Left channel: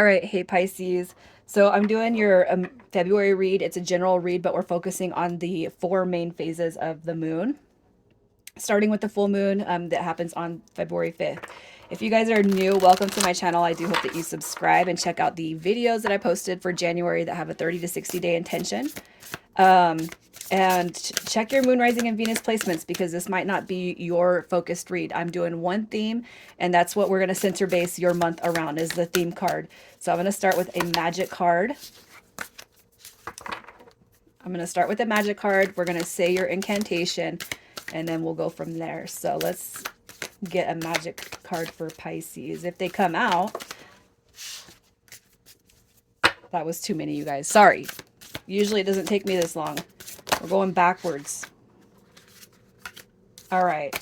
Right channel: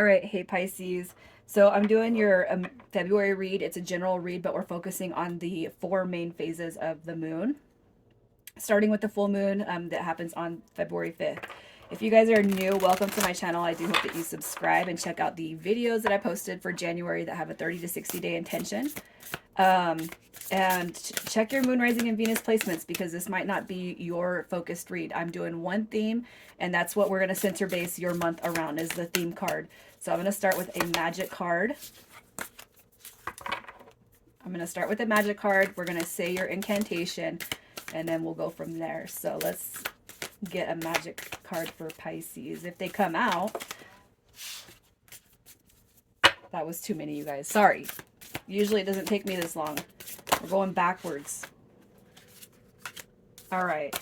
All right, hey Pisces. So I'm doing your February read. It's a general read, but we're focusing on the four main phases of the moon, starting with the full moon that happens on February 5th. If you guys are new, welcome to my channel. I do hope that you subscribe and check out the videos that I posted for January that have a 30 to 60 day intention. And check your moon, rising, and Venus placements because this might not be your focused read. I'm doing one theme, and that's what we're going to center base your month around is the theme card. So I'm going to start with a magic card. I'm going to start with a magic card. We're going to say your incantation, and then we'll go from there. So let's get a magic card for Pisces. If they come out, that was too many, you guys. Sorry. Usually it doesn't take me this long. We're going backwards. All right.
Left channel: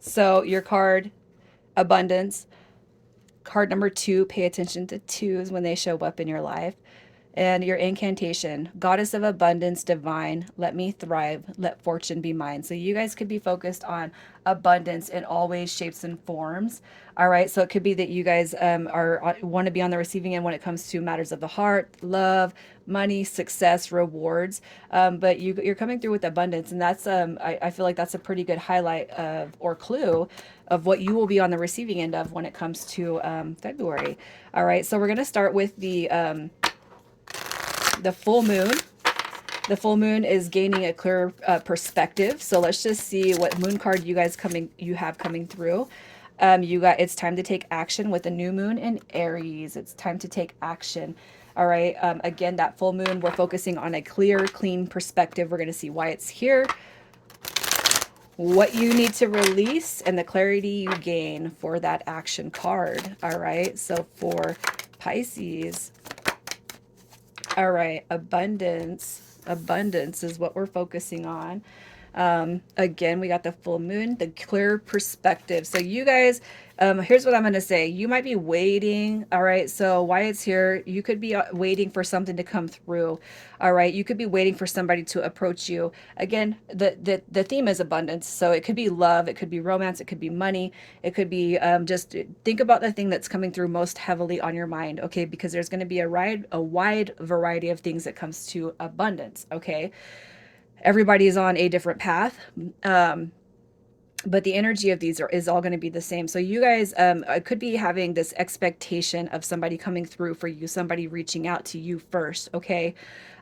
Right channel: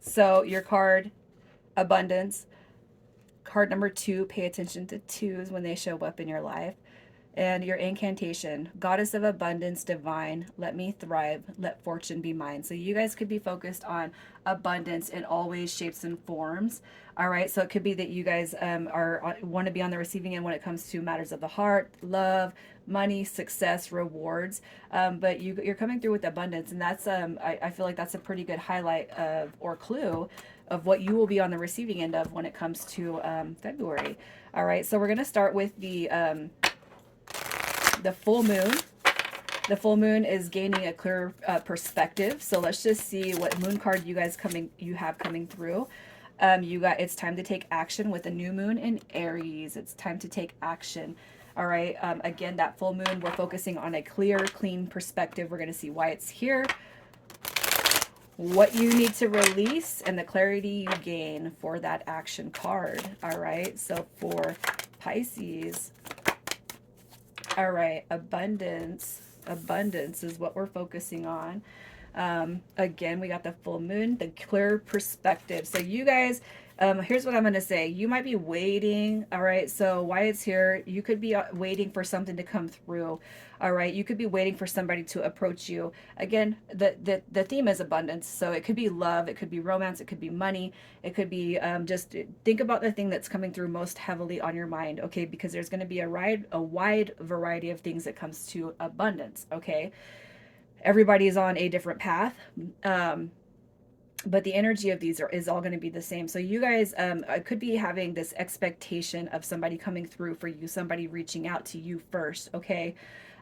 So your card, abundance. Card number 2, pay attention to 2s when they show up in your life. And your incantation, goddess of abundance, divine, let me thrive, let fortune be mine. So you guys could be focused on abundance in all ways, shapes, and forms. All right, so it could be that you guys want to be on the receiving end when it comes to matters of the heart, love, money, success, rewards. But you're coming through with abundance, and that's I feel like that's a pretty good highlight of or clue of what you will be on the receiving end of when it comes to February. All right, so we're gonna start with the full moon. The full moon is gaining a clear perspective. So let's just see what moon card you have coming through. It's time to take action with a new moon in Aries. It's time to take action. All right. Again, that full moon, we're focusing on a clear, clean perspective. We're going to see why it's here, what you need to release, and the clarity you gain for that action card. All right. So for Pisces, all right, abundance. Abundance is what we're focusing on. Again, we got the full moon, the clear perspective. So you guys, here's what I'm going to say. You might be waiting. All right. So why it's here, you could be waiting for something to come through. All right. You could be waiting for somebody to approach you. Again, the theme is abundance. So it could be love. It could be romance. It could be money. It could be just think about the thing that's coming through most heavily on your mind. Okay. Because there's going to be a wide variety of things that comes to abundance. Okay. Everybody is on a different path. But the energy of these is all going to be the same. So you guys could be having this expectation of somebody coming through for you, somebody reaching out to you first. Okay.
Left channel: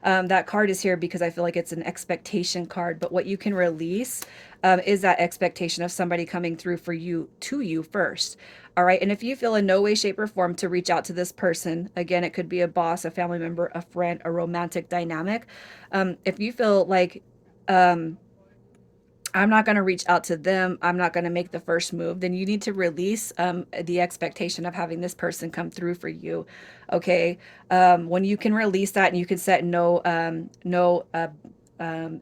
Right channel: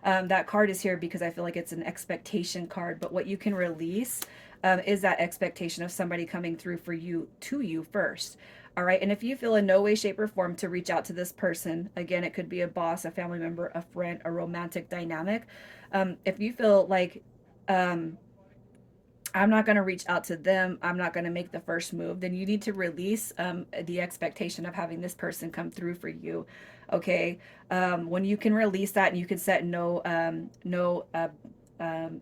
That card is here because I feel like it's an expectation card, but what you can release is that expectation of somebody coming through for you, to you first. All right. And if you feel in no way, shape, or form to reach out to this person, again, it could be a boss, a family member, a friend, a romantic dynamic. If you feel like, I'm not going to reach out to them, I'm not going to make the first move, then you need to release the expectation of having this person come through for you. Okay. When you can release that and you can set no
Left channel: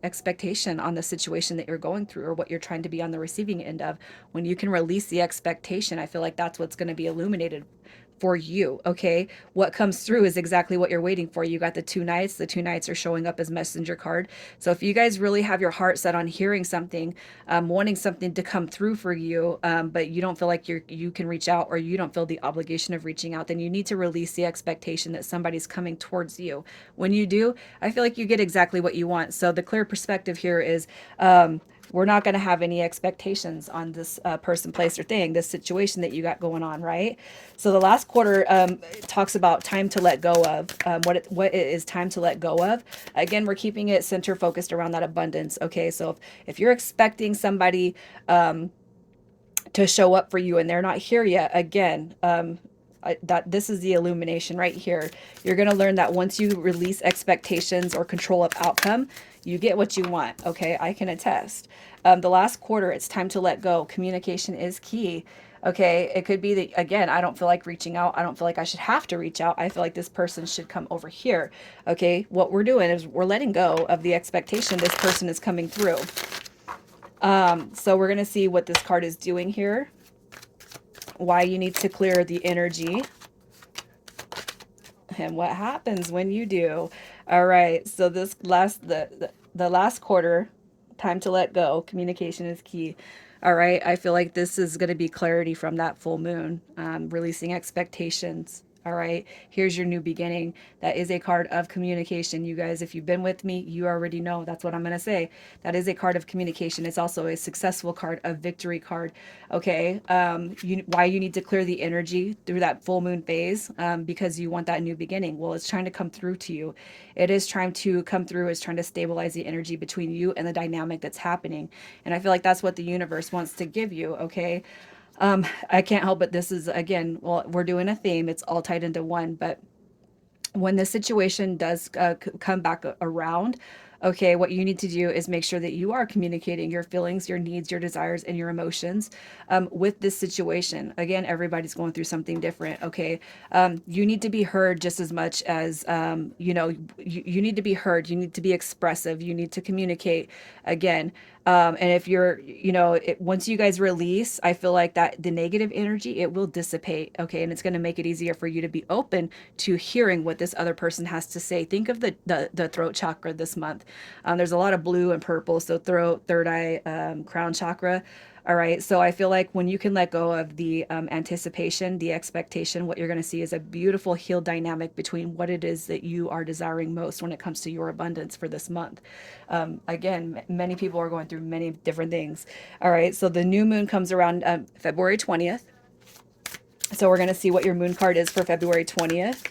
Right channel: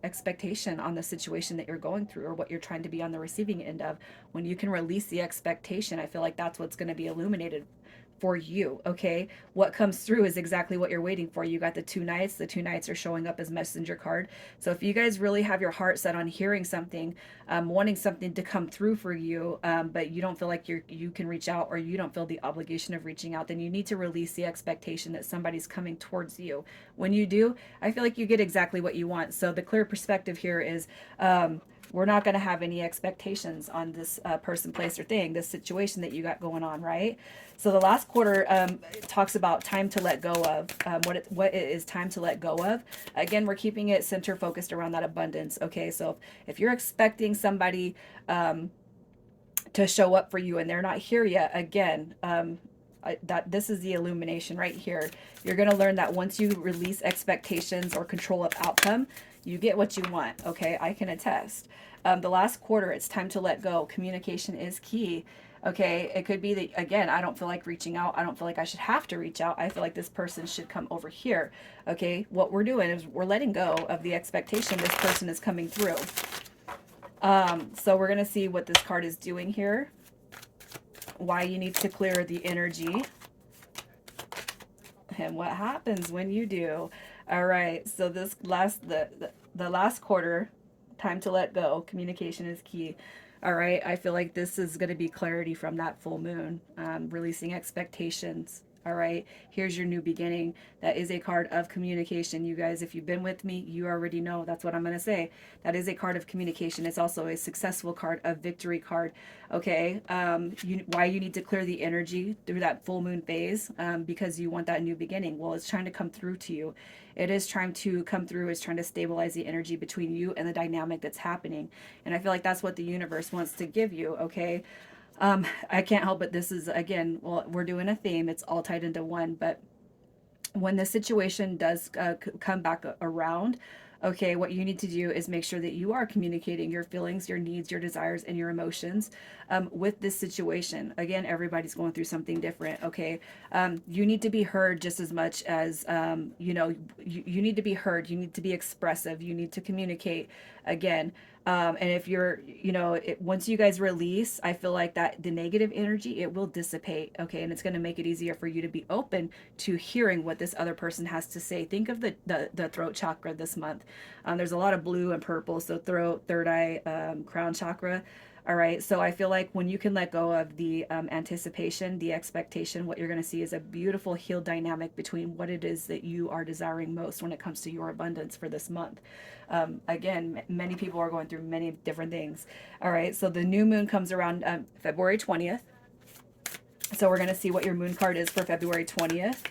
expectation on the situation that you're going through or what you're trying to be on the receiving end of, when you can release the expectation, I feel like that's what's going to be illuminated for you. Okay. What comes through is exactly what you're waiting for. You got the 2 knights. The 2 knights are showing up as messenger card. So if you guys really have your heart set on hearing something, wanting something to come through for you, but you don't feel like you can reach out, or you don't feel the obligation of reaching out, then you need to release the expectation that somebody's coming towards you. When you do, I feel like you get exactly what you want. So the clear perspective here is, we're not going to have any expectations on this person, place, or thing, this situation that you got going on, right? So the last quarter talks about time to let go of, what it is time to let go of. Again, we're keeping it center focused around that abundance. Okay, so if you're expecting somebody to show up for you and they're not here yet, again, that this is the illumination right here. You're going to learn that once you release expectations or control of outcome, you get what you want. Okay, I can attest. The last quarter, it's time to let go. Communication is key. Okay, it could be that, again, I don't feel like reaching out. I don't feel like I should have to reach out. I feel like this person should come over here. Okay, what we're doing is we're letting go of the expectation this person is coming through. So we're going to see what this card is doing here, why you need to clear the energy, and what happens when you do. All right, so this the last quarter, time to let go. Communication is key. All right. I feel like this is going to be clarity from that full moon, releasing expectations. All right. Here's your new beginning. That is a card of communication. You guys, if you've been with me, you already know. That's what I'm going to say. That is a card of communication. It's also a successful card, a victory card. Okay. Why you need to clear the energy through that full moon phase, because you want that new beginning. Well, it's trying to come through to you. It is trying to come through, it's trying to stabilize the energy between you and the dynamic that's happening. And I feel like that's what the universe wants to give you, okay? I can't help but this is, again, well, we're doing a theme, it's all tied into one, but when the situation does come back around, okay, what you need to do is make sure that you are communicating your feelings, your needs, your desires, and your emotions with this situation. Again, everybody's going through something different, okay? You need to be heard just as much as, you need to be heard. You need to be expressive. You need to communicate again. And if you're, once you guys release, I feel like that the negative energy, it will dissipate. Okay. And it's going to make it easier for you to be open to hearing what this other person has to say. Think of the throat chakra this month. There's a lot of blue and purple. So throat, third eye, crown chakra. All right. So I feel like when you can let go of the anticipation, the expectation, what you're going to see is a beautiful healed dynamic between what it is that you are desiring most when it comes to your abundance for this month. Again, many people are going through many different things. All right. So the new moon comes around February 20th. So we're going to see what your moon card is for February 20th.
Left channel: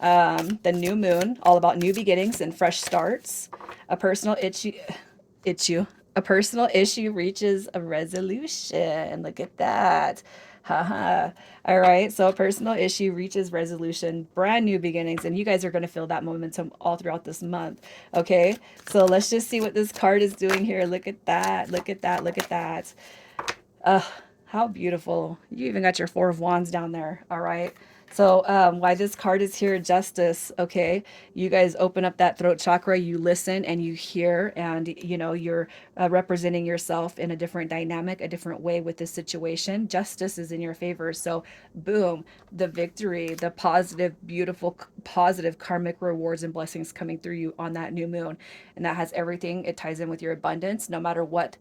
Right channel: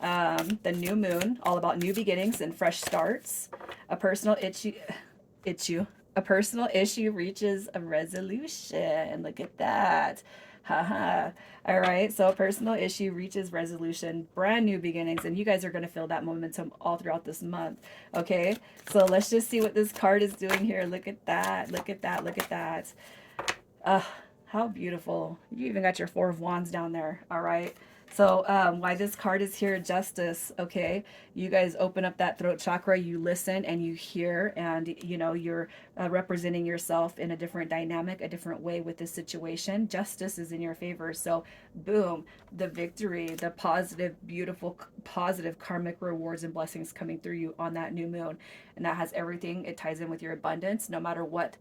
The new moon, all about new beginnings and fresh starts. A personal issue. A personal issue reaches a resolution. Look at that. Haha. All right. So a personal issue reaches resolution, brand new beginnings, and you guys are going to feel that momentum all throughout this month. Okay. So let's just see what this card is doing here. Look at that. Look at that. Look at that. Uh, how beautiful. You even got your Four of Wands down there. All right. So why this card is here, justice. Okay. You guys open up that throat chakra, you listen and you hear, and you're representing yourself in a different dynamic, a different way with this situation. Justice is in your favor. So boom, the victory, the positive, beautiful, positive karmic rewards and blessings coming through you on that new moon. And that has everything. It ties in with your abundance, no matter what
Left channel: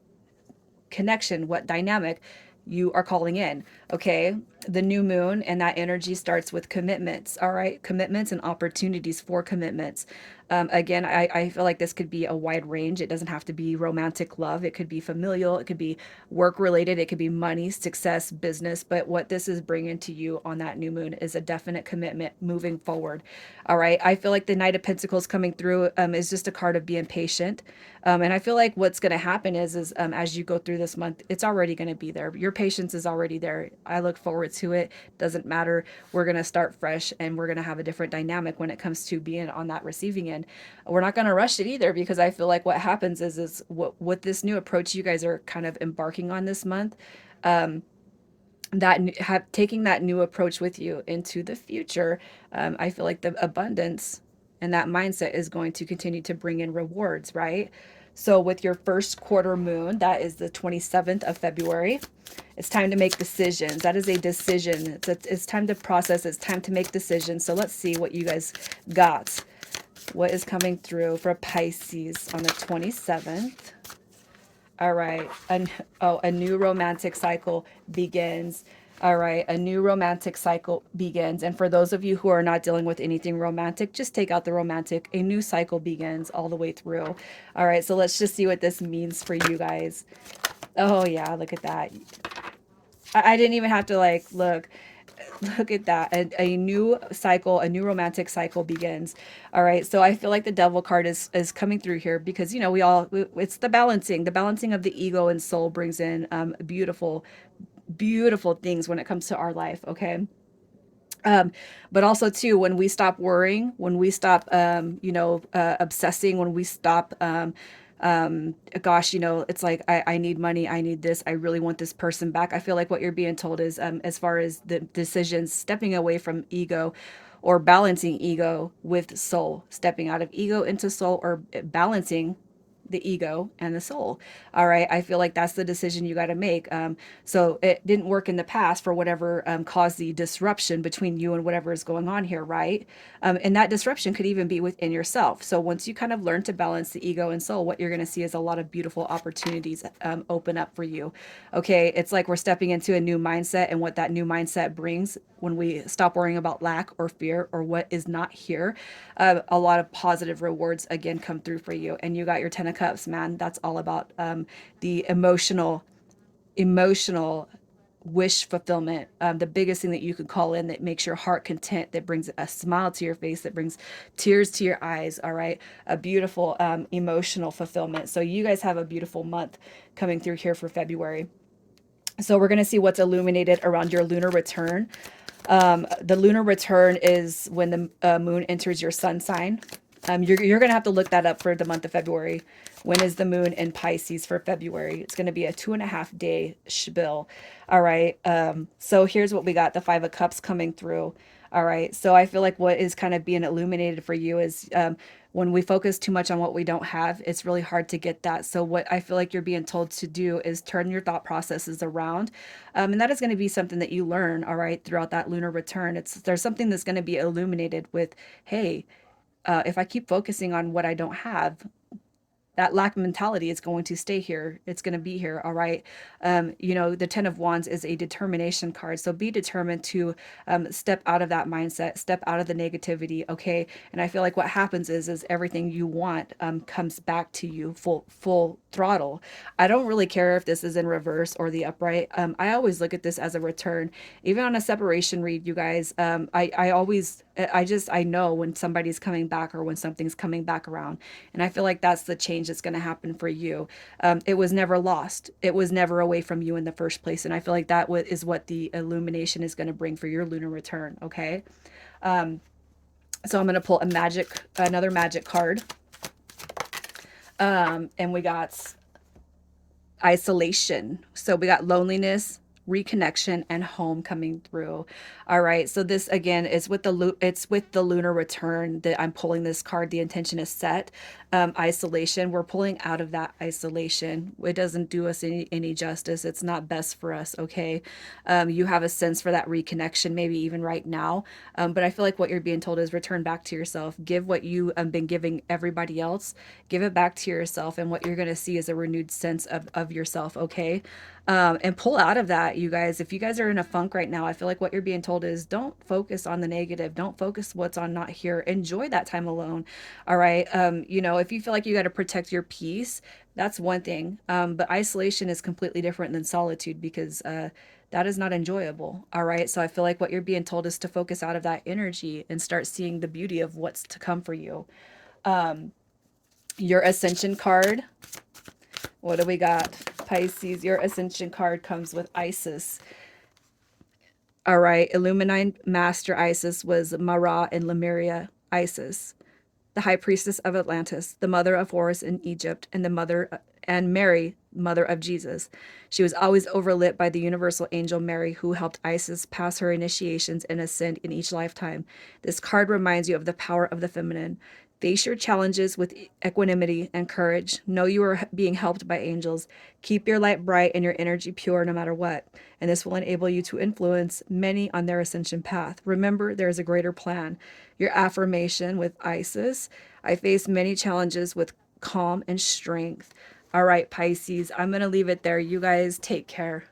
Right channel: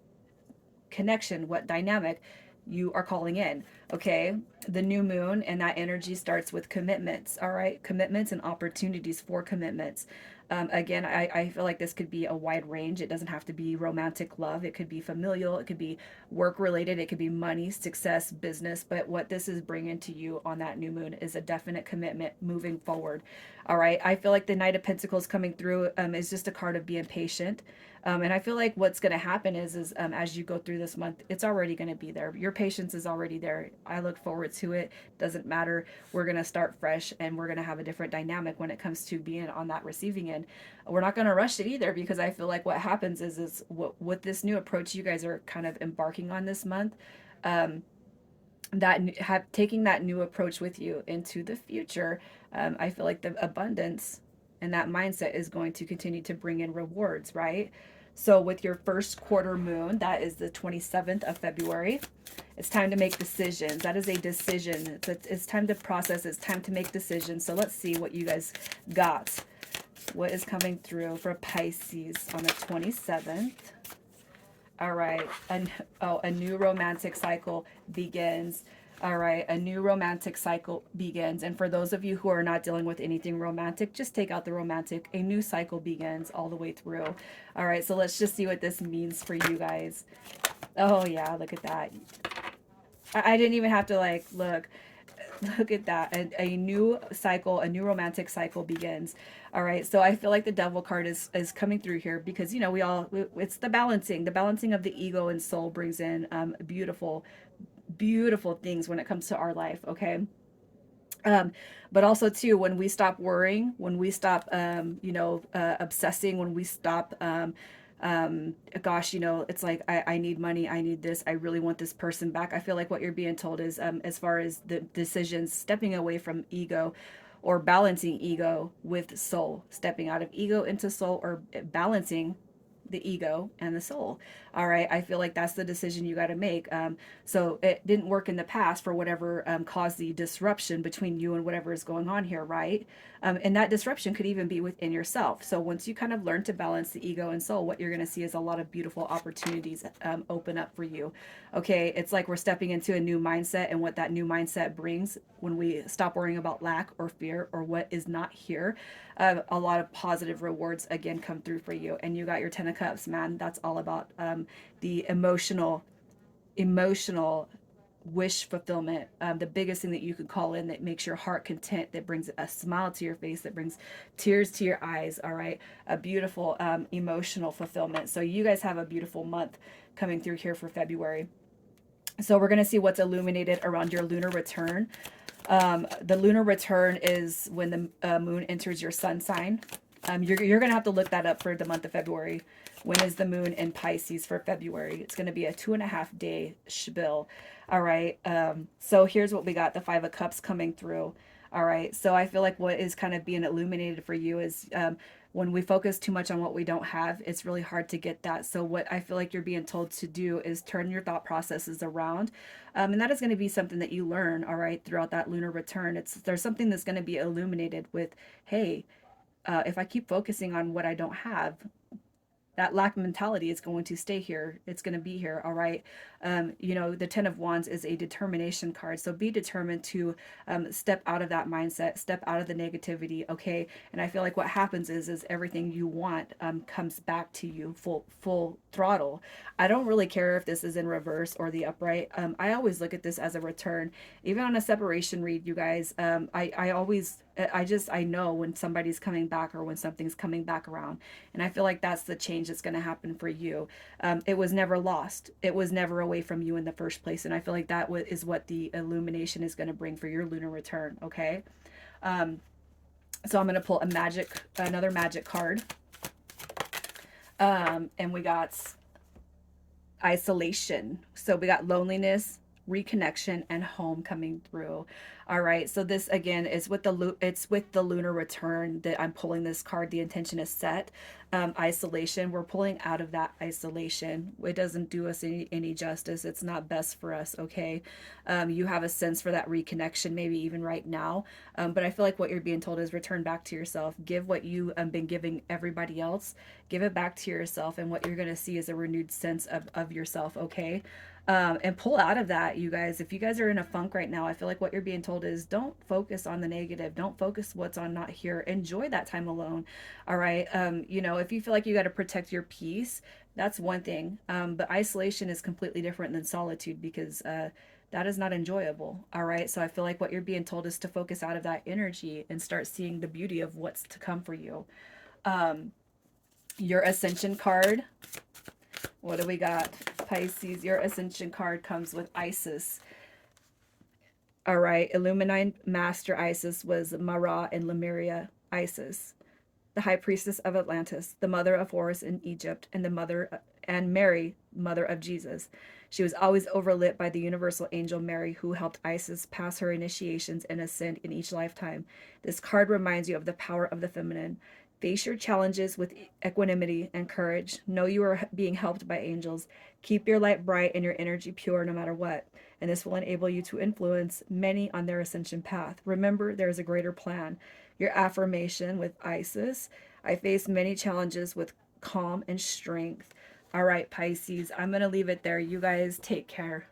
connection, what dynamic you are calling in. Okay. The new moon and that energy starts with commitments. All right. Commitments and opportunities for commitments. Again, I feel like this could be a wide range. It doesn't have to be romantic love. It could be familial. It could be work related. It could be money, success, business. But what this is bringing to you on that new moon is a definite commitment moving forward. All right. I feel like the Knight of Pentacles coming through is just a card of being patient. And I feel like what's going to happen is as you go through this month, it's already going to be there. Your patience is already there. I look forward to it. Doesn't matter. We're going to start fresh and we're going to have a different dynamic when it comes to being on that receiving end. We're not going to rush it either, because I feel like what happens is what this new approach you guys are kind of embarking on this month, that have taking that new approach with you into the future. I feel like the abundance and that mindset is going to continue to bring in rewards, right? So with your first quarter moon, that is the 27th of February, it's time to make decisions. That is a decision. It's time to process. It's time to make decisions. So let's see what you guys got. What is coming through for Pisces on the 27th? All right. A new romantic cycle begins. All right. A new romantic cycle begins. And for those of you who are not dealing with anything romantic, just take out the romantic. A new cycle begins all the way through. All right. So let's just see what this means for you guys. Oh, yeah. Look at that. I didn't even have to look. Look at that. A new cycle, a new romantic cycle begins. All right. So I feel like the devil card is coming through here because, it's the balancing of the ego and soul brings in beautiful, beautiful things when it comes to our life. Okay. But also too, when we stop worrying, when we stop, obsessing, when we stop, gosh, it's like, I need money, I need this, I really want this person back. I feel like what you're being told is, as far as the decisions, stepping away from ego or balancing ego with soul, stepping out of ego into soul, or balancing the ego and the soul. All right. I feel like that's the decision you got to make. So it didn't work in the past for whatever caused the disruption between you and whatever is going on here. Right. And that disruption could even be within yourself. So once you kind of learn to balance the ego and soul, what you're going to see is a lot of beautiful opportunities open up for you. Okay. It's like we're stepping into a new mindset, and what that new mindset brings when we stop worrying about lack or fear or what is not here, a lot of positive rewards again come through for you. And you got your 10 of cups, man. That's all about the emotional wish fulfillment. The biggest thing that you could call in that makes your heart content, that brings a smile to your face, that brings tears to your eyes. All right. A beautiful emotional fulfillment. So you guys have a beautiful month coming through here for February. So we're going to see what's illuminated around your lunar return. The lunar return is when the moon enters your sun sign. You're going to have to look that up for the month of February. When is the moon in Pisces for February? It's going to be a 2.5 day spiel. All right. So here's what we got. The 5 of cups coming through. All right. So I feel like what is kind of being illuminated for you is when we focus too much on what we don't have, it's really hard to get that. So what I feel like you're being told to do is turn your thought processes around. And that is going to be something that you learn, all right, throughout that lunar return. There's something that's going to be illuminated with, hey, if I keep focusing on what I don't have, that lack mentality is going to stay here. It's going to be here. All right. The 10 of Wands is a determination card. So be determined to step out of that mindset, step out of the negativity. Okay. And I feel like what happens is everything you want comes back to you full throttle. I don't really care if this is in reverse or the upright. I always look at this as a return. Even on a separation read, you guys, I know when somebody's coming back or when something's coming back around. And I feel like that's the change that's going to happen for you. It was never lost. It was never away from you in the first place. And I feel like that is what the illumination is going to bring for your lunar return. Okay. So I'm going to pull another magic card. And we got isolation. So we got loneliness, reconnection, and home coming through. All right. So this again is with the lunar return that I'm pulling this card. The intention is set. Isolation. We're pulling out of that isolation. It doesn't do us any justice. It's not best for us. Okay. You have a sense for that reconnection, maybe even right now. But I feel like what you're being told is return back to yourself. Give what you have been giving everybody else. Give it back to yourself. And what you're going to see is a renewed sense of yourself. Okay. And pull out of that, you guys. If you guys are in a funk right now, I feel like what you're being told is don't focus on the negative. Don't focus what's on not here. Enjoy that time alone. All right. If you feel like you got to protect your peace, that's one thing. But isolation is completely different than solitude because that is not enjoyable. All right. So I feel like what you're being told is to focus out of that energy and start seeing the beauty of what's to come for you. Your ascension card. What do we got? Pisces, your ascension card comes with Isis. All right. Illuminine Master Isis was Mara in Lemuria. Isis, the high priestess of Atlantis, the mother of Horus in Egypt, and Mary, mother of Jesus. She was always overlit by the universal angel Mary, who helped Isis pass her initiations and ascend in each lifetime. This card reminds you of the power of the feminine. Face your challenges with equanimity and courage. Know you are being helped by angels. Keep your light bright and your energy pure no matter what. And this will enable you to influence many on their ascension path. Remember, there is a greater plan. Your affirmation with Isis. I face many challenges with calm and strength. All right, Pisces, I'm going to leave it there. You guys take care.